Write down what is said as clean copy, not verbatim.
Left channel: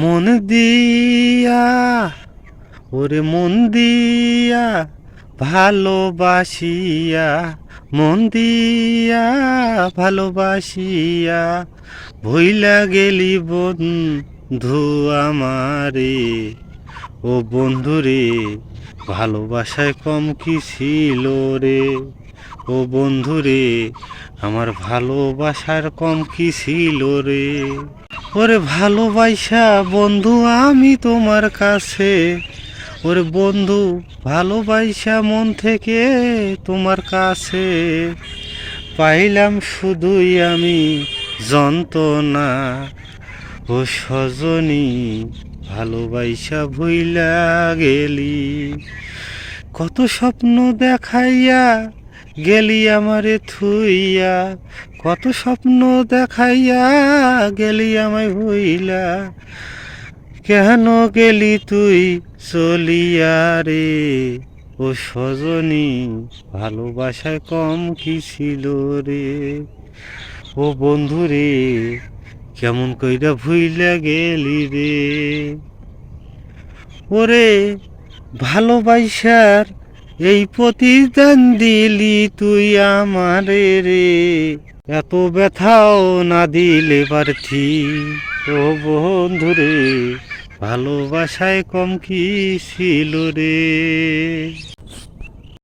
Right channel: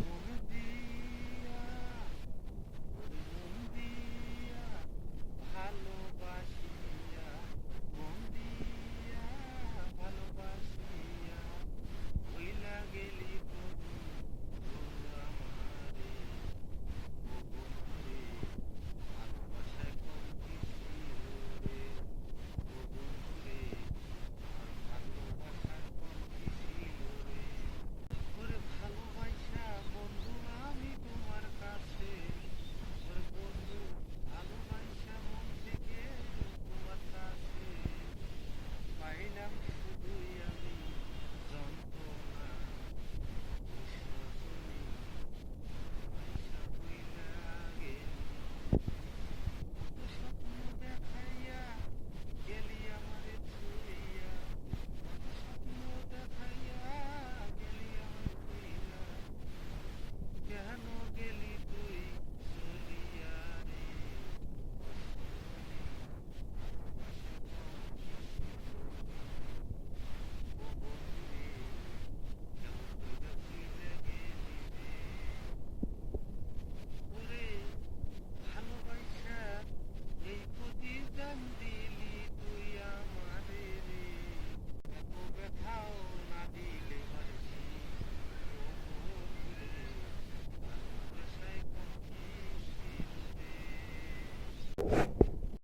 মন দিয়া ওরে মন দিয়া ভালোবাসিয়া, মন দিয়া ভালোবাসিয়া ভইলা গেলি বন্ধু আমারে। ও বন্ধুরে, ভালোবাসায় কম কি ছিল রে? ও বন্ধুরে, আমার ভালোবাসার কম কি ছিল রে? ওরে ভালোবাসা বন্ধু আমি তোমার কাছে, ওরে বন্ধু ভালোবাসা মন থেকে তোমার কাছে পাইলাম শুধুই আমি যন্ত্রণা। ও সজনী, ভালোবাসা ভুইলা গেলি, কত স্বপ্ন দেখাইয়া গেলি আমারে থুইয়া, কত স্বপ্ন দেখাইয়া গেলি আমায় ভুইলা, কেন গেলি তুই চলিয়া রে? ও সজনী, ভালোবাসায় কম কি ছিল রে? ও বন্ধু রে, কেমন কইরা ভুইলা গেলি রে? ওরে ভালোবাসার এই প্রতিদান দিলি তুই আমারে রে, এত ব্যথাও না দিলে পারতি। ও বন্ধু রে, ভালোবাসায় কম কি ছিল রে?